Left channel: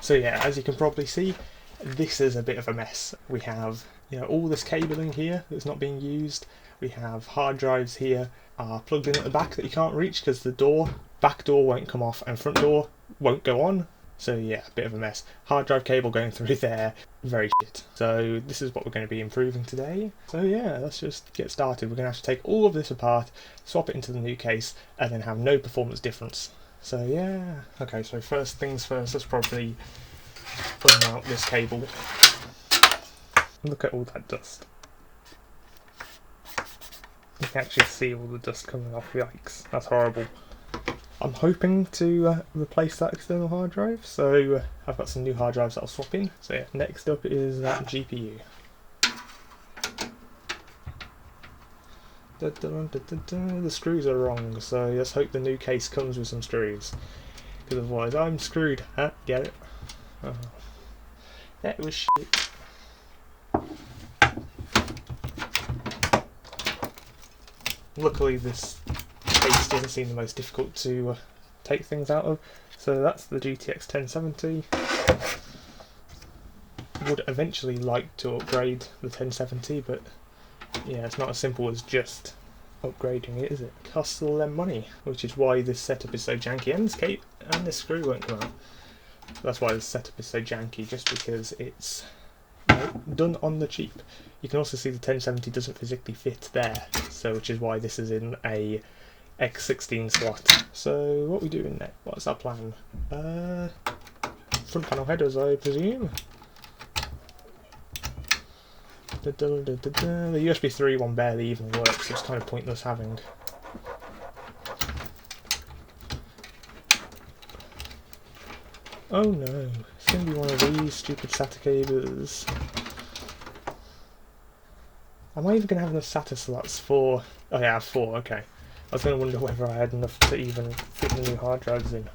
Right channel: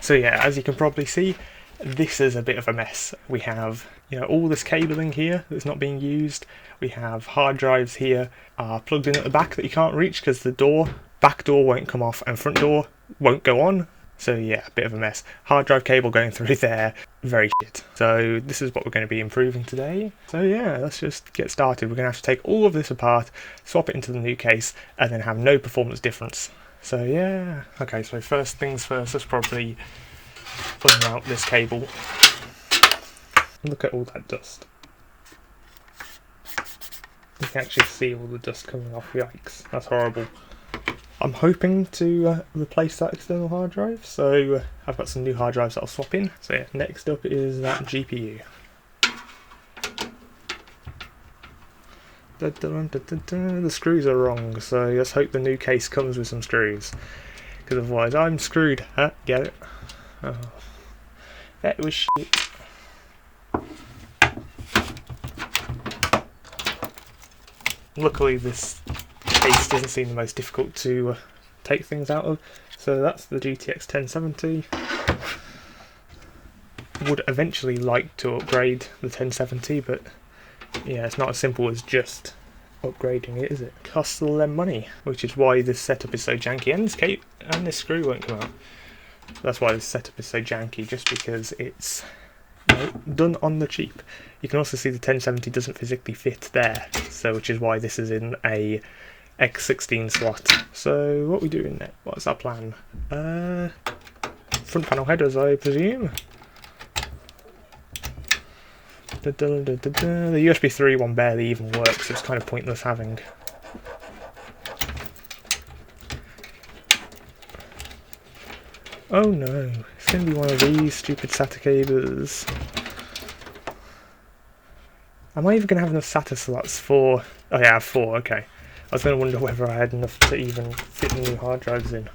So yeah, as you can probably see, this is a bit of a mess. We have, all this cabling here that's not being used. We have hard drives here plugged in at the back that you can't reach because the back door won't come off and front door won't go on. So yeah, a bit of a mess. Hard drive cable going through there, very shit. So this is what we're going to be improving today. So yeah, let's just get started. We're going to have to take all of this apart, swap it into the new case, and then have no performance difference. So yeah. Okay, so first things first, let's probably unmount this cable. Look at all that dust. You can actually see all the dust coming off. Yikes, that's horrible. I'm hoping to replace that external hard drive, so I've got some new hard drives that I'll swap in. So yeah, next up is that GPU. The screws are wrong, so let's hope the new case comes with some screws, because otherwise I'm screwed. Huh? Get it? Oh. That was shit. Luckily this case doesn't seem the most difficult to take things out of. So that's the GTX 1070. Would eventually like to upgrade the 1070, but yeah, it's not as simple as just upgrading it, is it? It costs all them money, which is why this setup is so janky, and this screw won't come out. That's why this setup is so janky, just because it's done on the cheap. You can also see the 1070 doesn't physically fit there, so which is why this is in a X16 slot. So what are we doing next? What's our plan? Front panel headers, I presume. The USB 3 one barely even works, so it's kind of pointless having. Oh no, it's going to be one of these stupid SATA cables. Am I even going to have enough SATA slots for... Oh yeah, I have 4, okay. I was going to wonder whether I had enough to even fit the new hard drives in.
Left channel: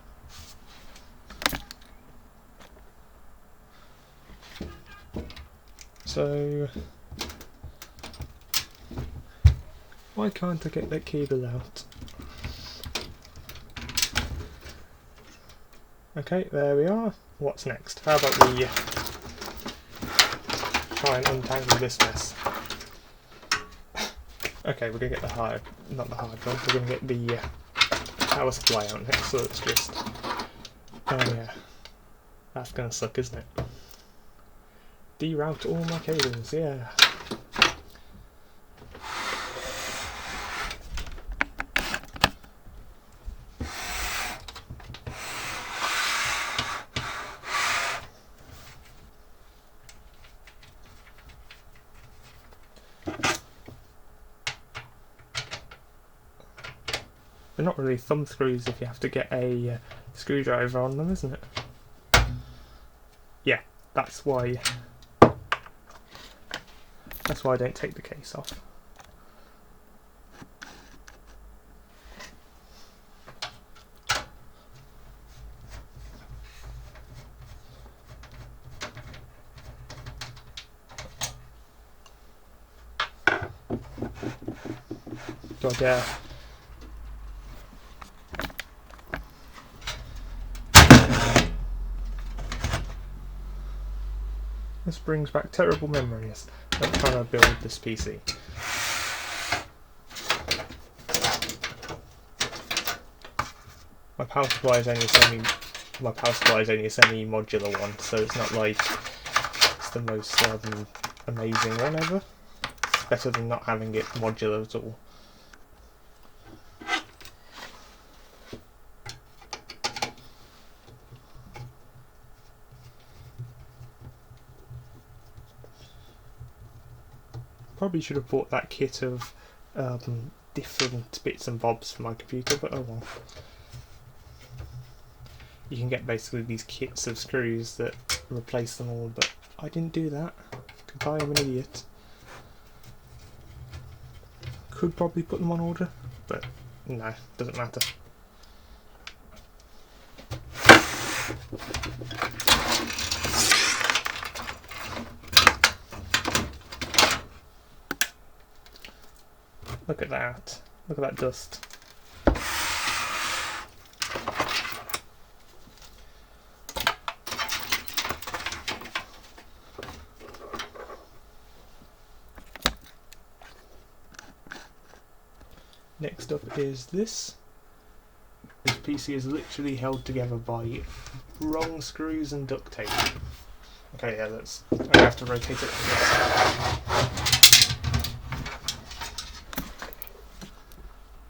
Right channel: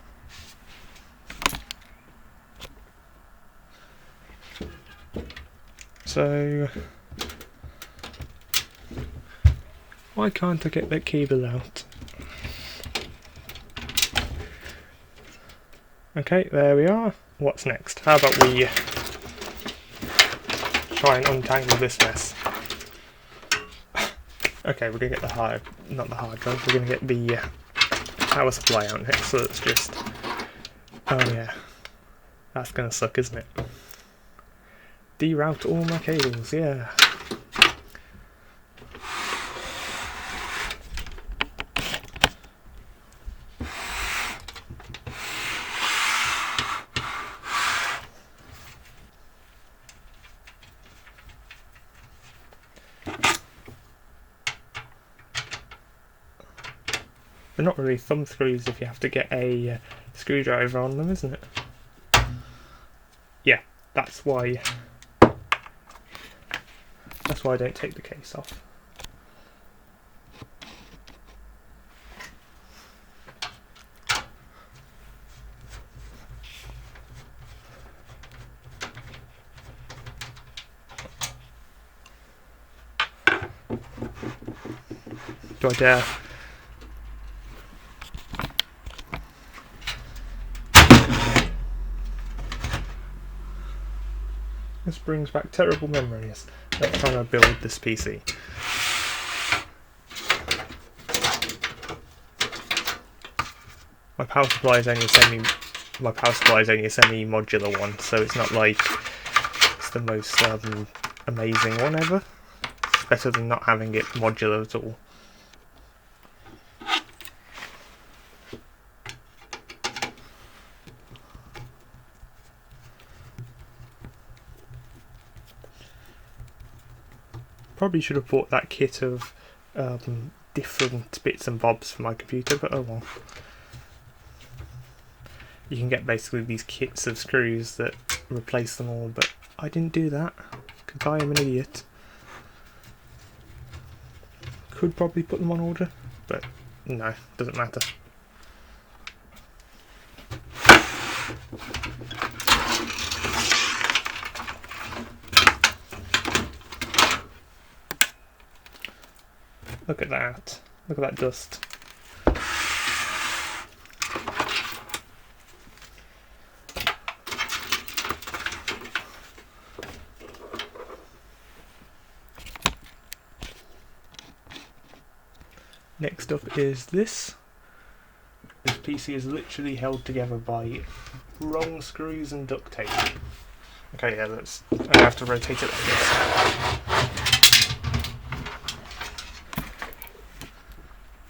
So... why can't I get that cable out? Okay, there we are. What's next? How about we try and untangle this mess? Okay, we're gonna get not the hard drive, we're gonna get the power supply out next, so it's just... oh yeah, that's gonna suck, isn't it? Deroute all my cables, yeah. They're not really thumb screws if you have to get a screwdriver on them, isn't it? Yeah, that's why I don't take the case off. Do I dare? This brings back terrible memories of trying to build this PC. My power supply is only a semi-modular one, so it's not like it's the most amazing one ever. It's better than not having it modular at all. Probably should have bought that kit of different bits and bobs for my computer, but oh well. You can get basically these kits of screws that replace them all, but I didn't do that because I am an idiot. Could probably put them on order, but no, doesn't matter. Look at that. Look at that dust. Next up is this. This PC is literally held together by wrong screws and duct tape. Okay, yeah, I have to rotate it like this.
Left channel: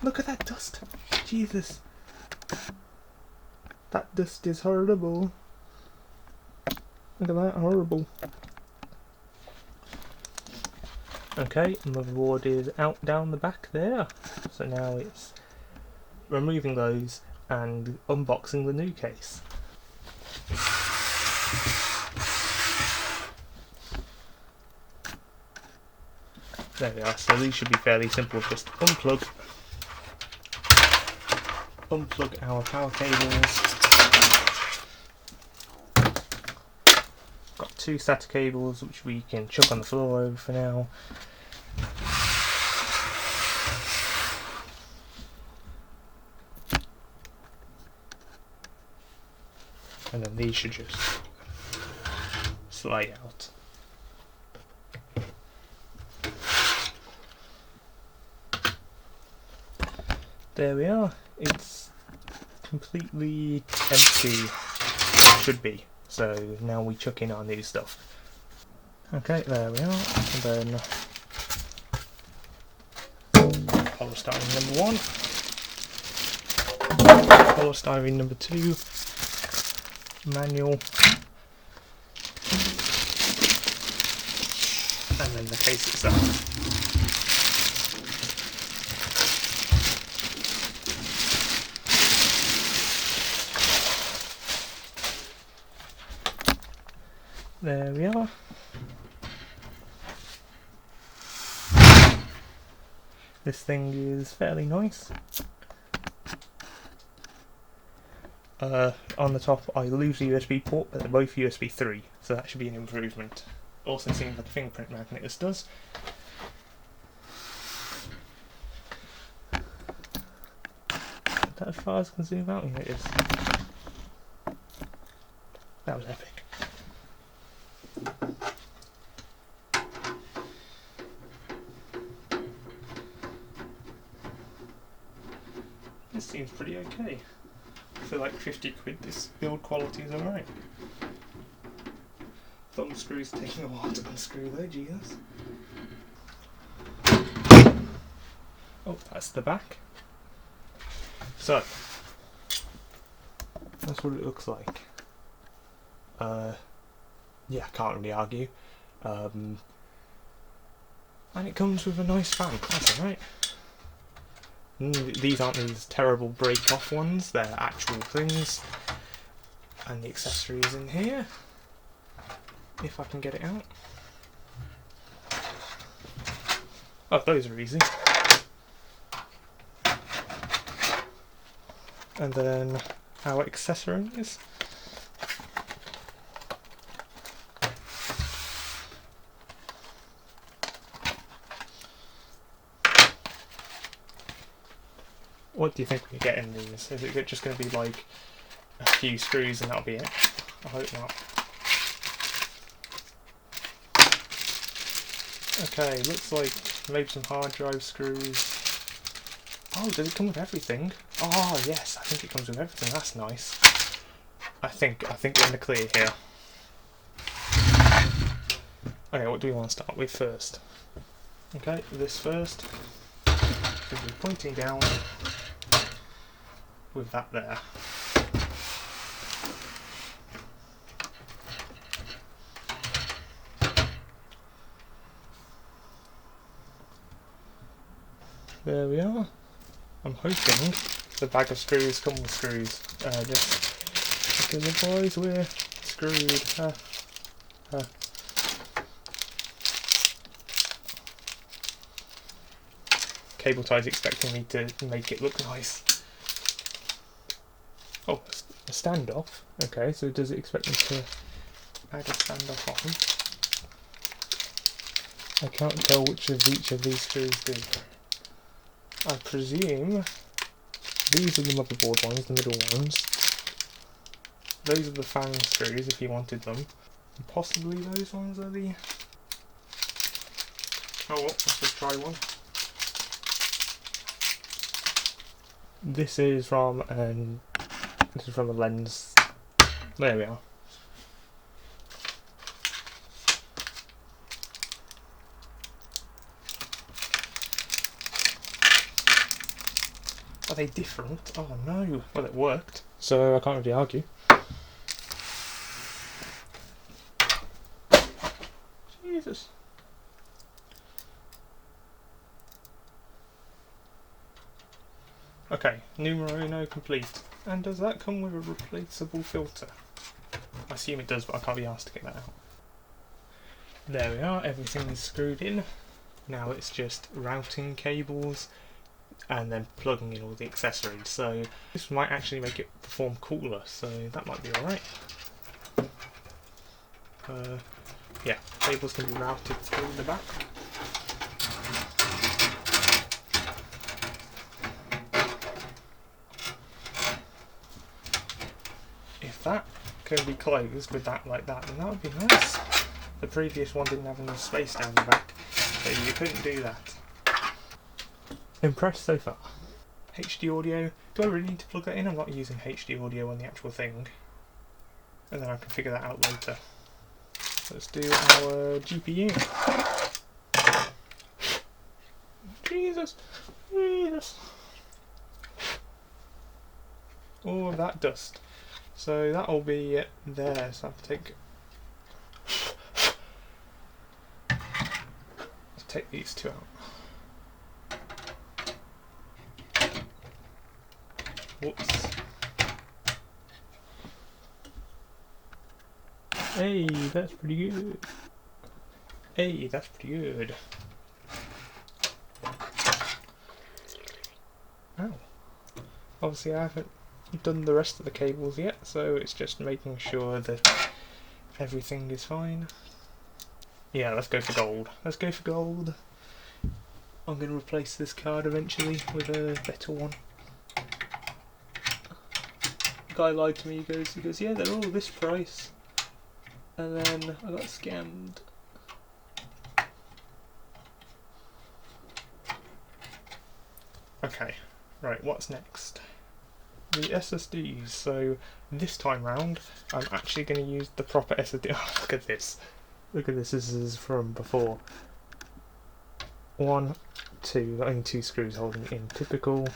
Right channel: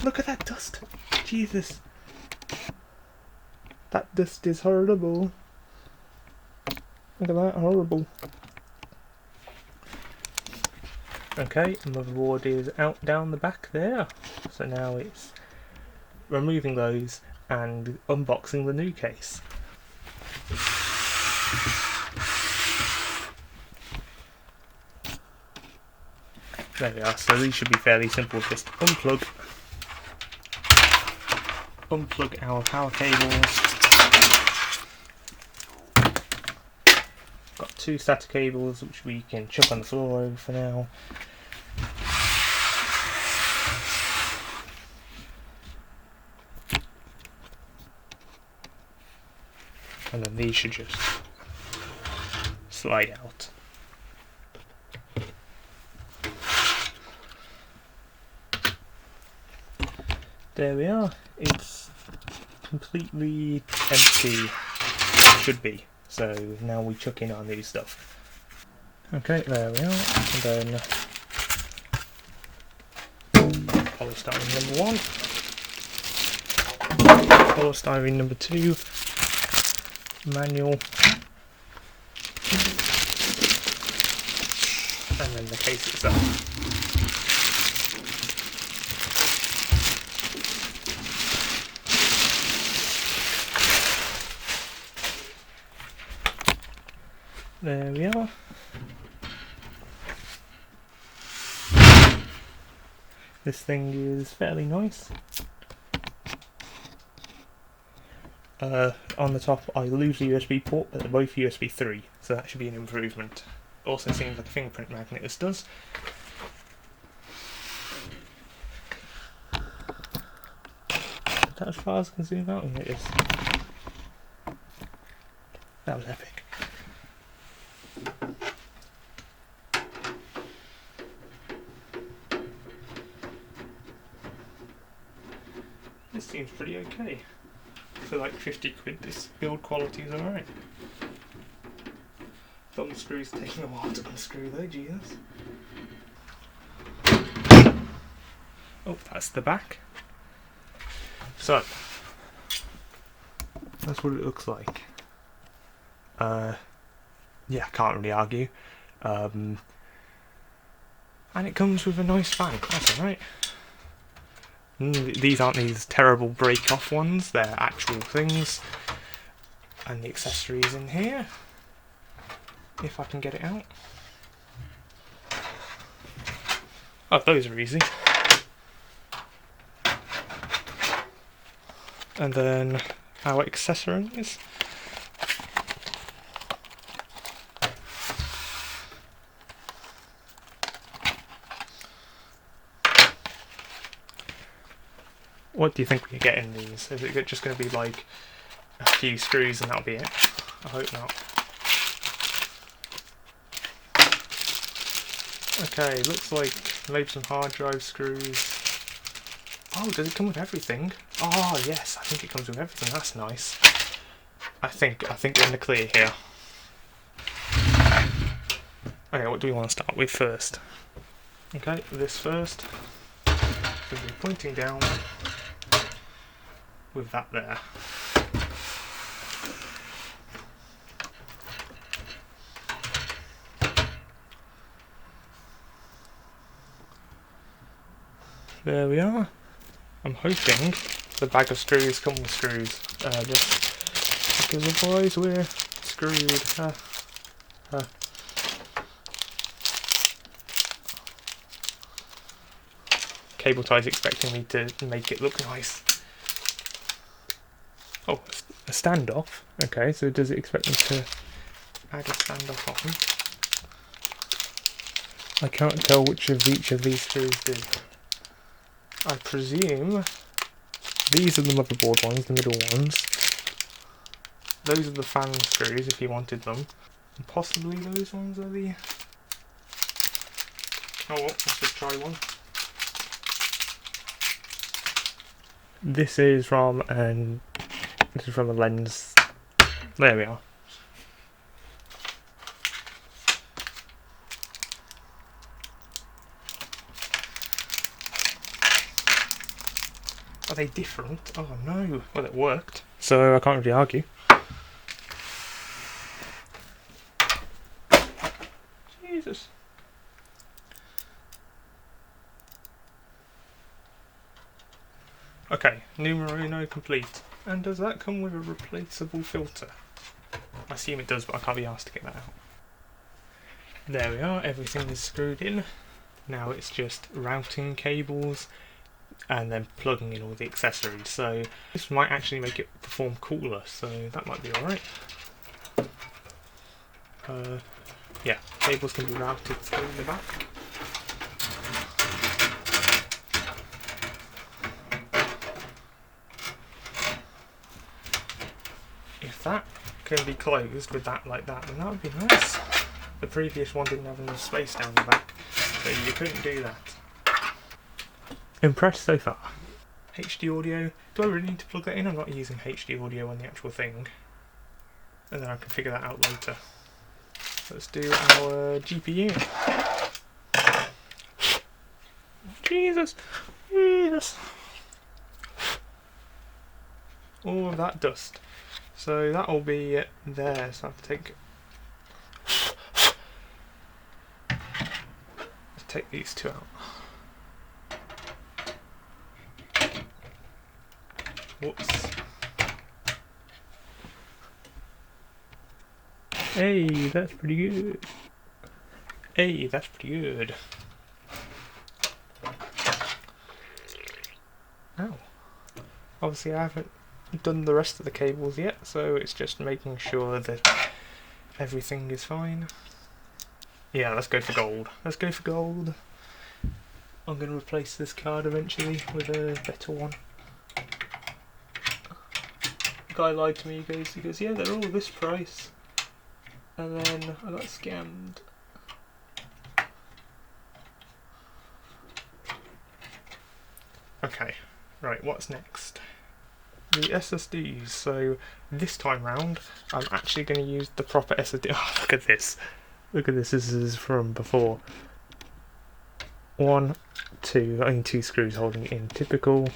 Look at that dust! Jesus! That dust is horrible. Look at that, horrible. Okay, motherboard is out down the back there. So now it's removing those and unboxing the new case. There we are, so these should be fairly simple. Just unplug our power cables. Got 2 SATA cables which we can chuck on the floor over for now. And then these should just slide out. There we are. It's completely empty, or it should be. So now we chuck in our new stuff. Okay, there we are. And then polystyrene number 1, polystyrene number 2, manual, and then the case itself. There we are. This thing is fairly nice. On the top I lose the USB port, but they're both USB 3, so that should be an improvement. Also seems like a fingerprint magnet, this does. Is that as far as I can zoom out? Yeah, it is. That was epic. This seems pretty okay. For like 50 quid, this build quality is alright. Thumb screw's taking a while to unscrew though, Jesus. Oh, that's the back. So, that's what it looks like. Yeah, can't really argue. And it comes with a nice fan, that's alright. These aren't these terrible break-off ones, they're actual things. And the accessories in here, if I can get it out. Oh, those are easy. And then our accessories. What do you think we get in these? Is it just going to be like a few screws and that'll be it? I hope not. Okay, looks like maybe some hard drive screws. Oh, does it come with everything? Oh yes, I think it comes with everything. That's nice. I think we're in the clear here. Okay, what do we want to start with first? Okay, this first. We'll be pointing down with that there. There we are. I'm hoping the bag of screws come with screws. Just because otherwise we're screwed. Cable tie's expecting me to make it look nice. Oh, a standoff. Okay, so does it expect me to add a standoff on? I can't tell which of each of these screws do. I presume these are the motherboard ones, the middle ones. Those are the fan screws if you wanted them. And possibly those ones are the... Oh well, let's just try one. this is from a lens. There we are. Are they different? Oh no. Well, it worked, so I can't really argue. Jesus. Okay, numero uno complete. And does that come with a replaceable filter? I assume it does, but I can't be asked to get that out. There we are, everything is screwed in. Now it's just routing cables and then plugging in all the accessories. So this might actually make it perform cooler, so that might be alright. Yeah, cables can be routed through the back. If that can be closed with that like that, then that would be nice. The previous one didn't have enough space down the back, so you couldn't do that. Impressed so far. HD audio. Do I really need to plug that in? I'm not using HD audio on the actual thing. And then I can figure that out later. Let's do our GPU. Jesus. Jesus. All of that dust. So that'll be there. So I have to take these two out. Whoops. Hey, that's pretty good. Hey, that's pretty good. Ow. Obviously I haven't done the rest of the cables yet, so it's just making sure that everything is fine. Yeah, let's go for gold. Let's go for gold. I'm going to replace this card eventually with a better one. The guy lied to me, he goes, yeah, they're all this price. And then I got scammed. Okay, right, what's next? The SSDs. So this time round, I'm actually going to use the proper SSD. Oh, look at this. Look at this. This is from before. 1, 2, only 2 screws holding it in. Typical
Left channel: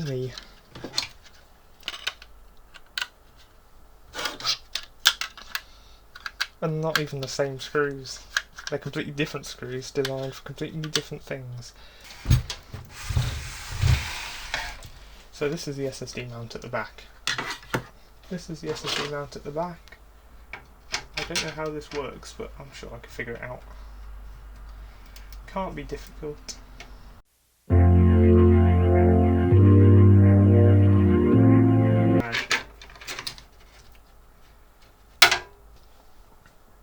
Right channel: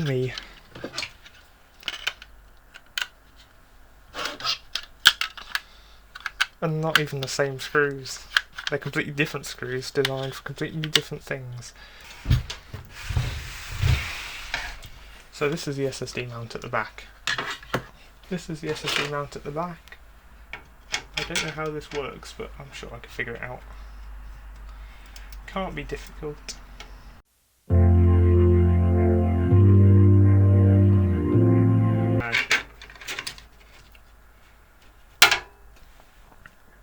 me. And not even the same screws. They're completely different screws designed for completely different things. So this is the SSD mount at the back. This is the SSD mount at the back. I don't know how this works, but I'm sure I can figure it out. Can't be difficult.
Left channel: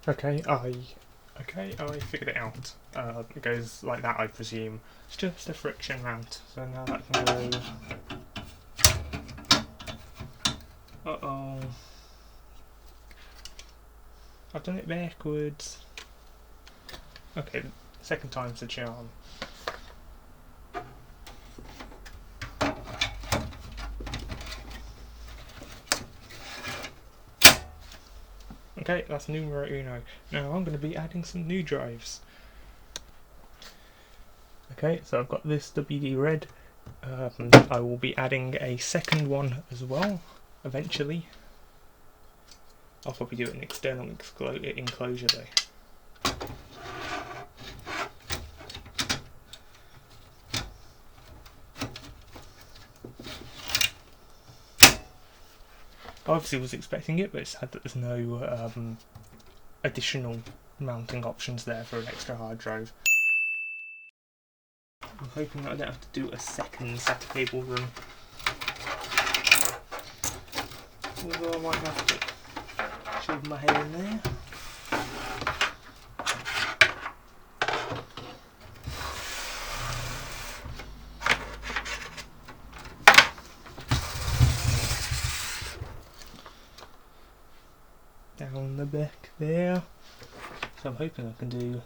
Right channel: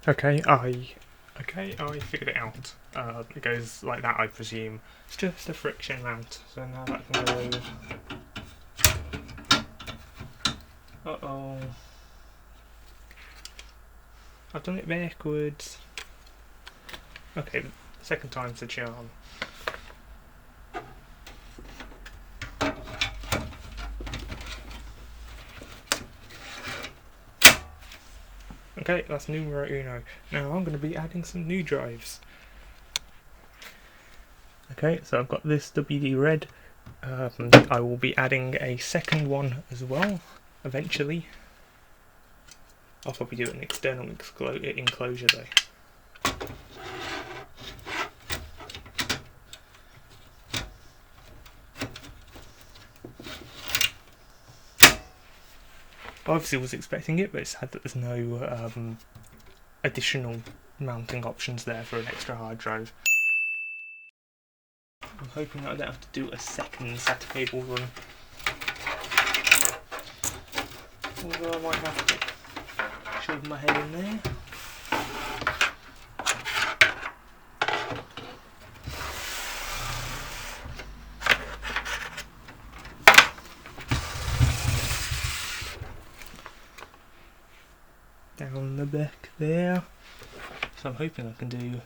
Okay, I figured it out. It goes like that, I presume. It's just a friction mount, so now that can go. Uh-oh. I've done it backwards. Okay, second time's the charm. Okay, that's numero uno. Now I'm going to be adding some new drives. Okay, so I've got this WD red. I will be adding a second one as well, eventually. I'll probably do an external enclosure though. I obviously was expecting it, but it's sad that there's no additional mounting options there for an extra hard drive. I'm hoping that I don't have to do a second SATA cable run. Although I might have to shove my head in there. Down the back there. So I'm hoping I can do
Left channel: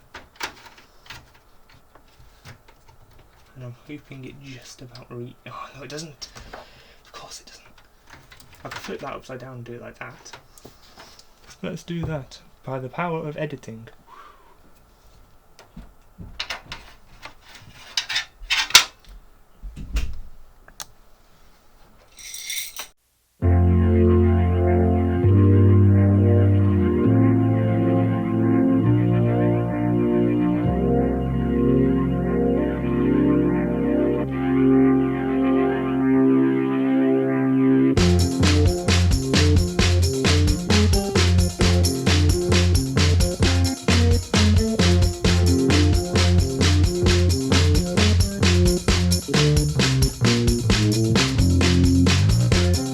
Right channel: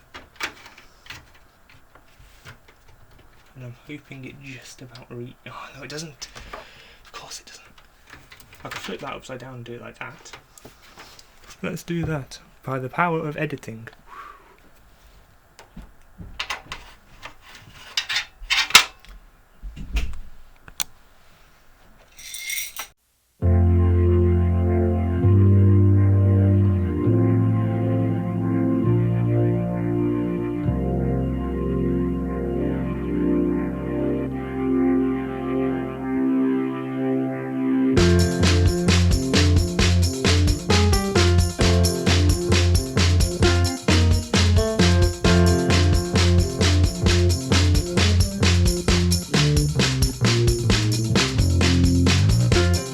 and I'm hoping it just about oh no, it doesn't. Of course it doesn't. I could flip that upside down and do it like that. Let's do that by the power of editing.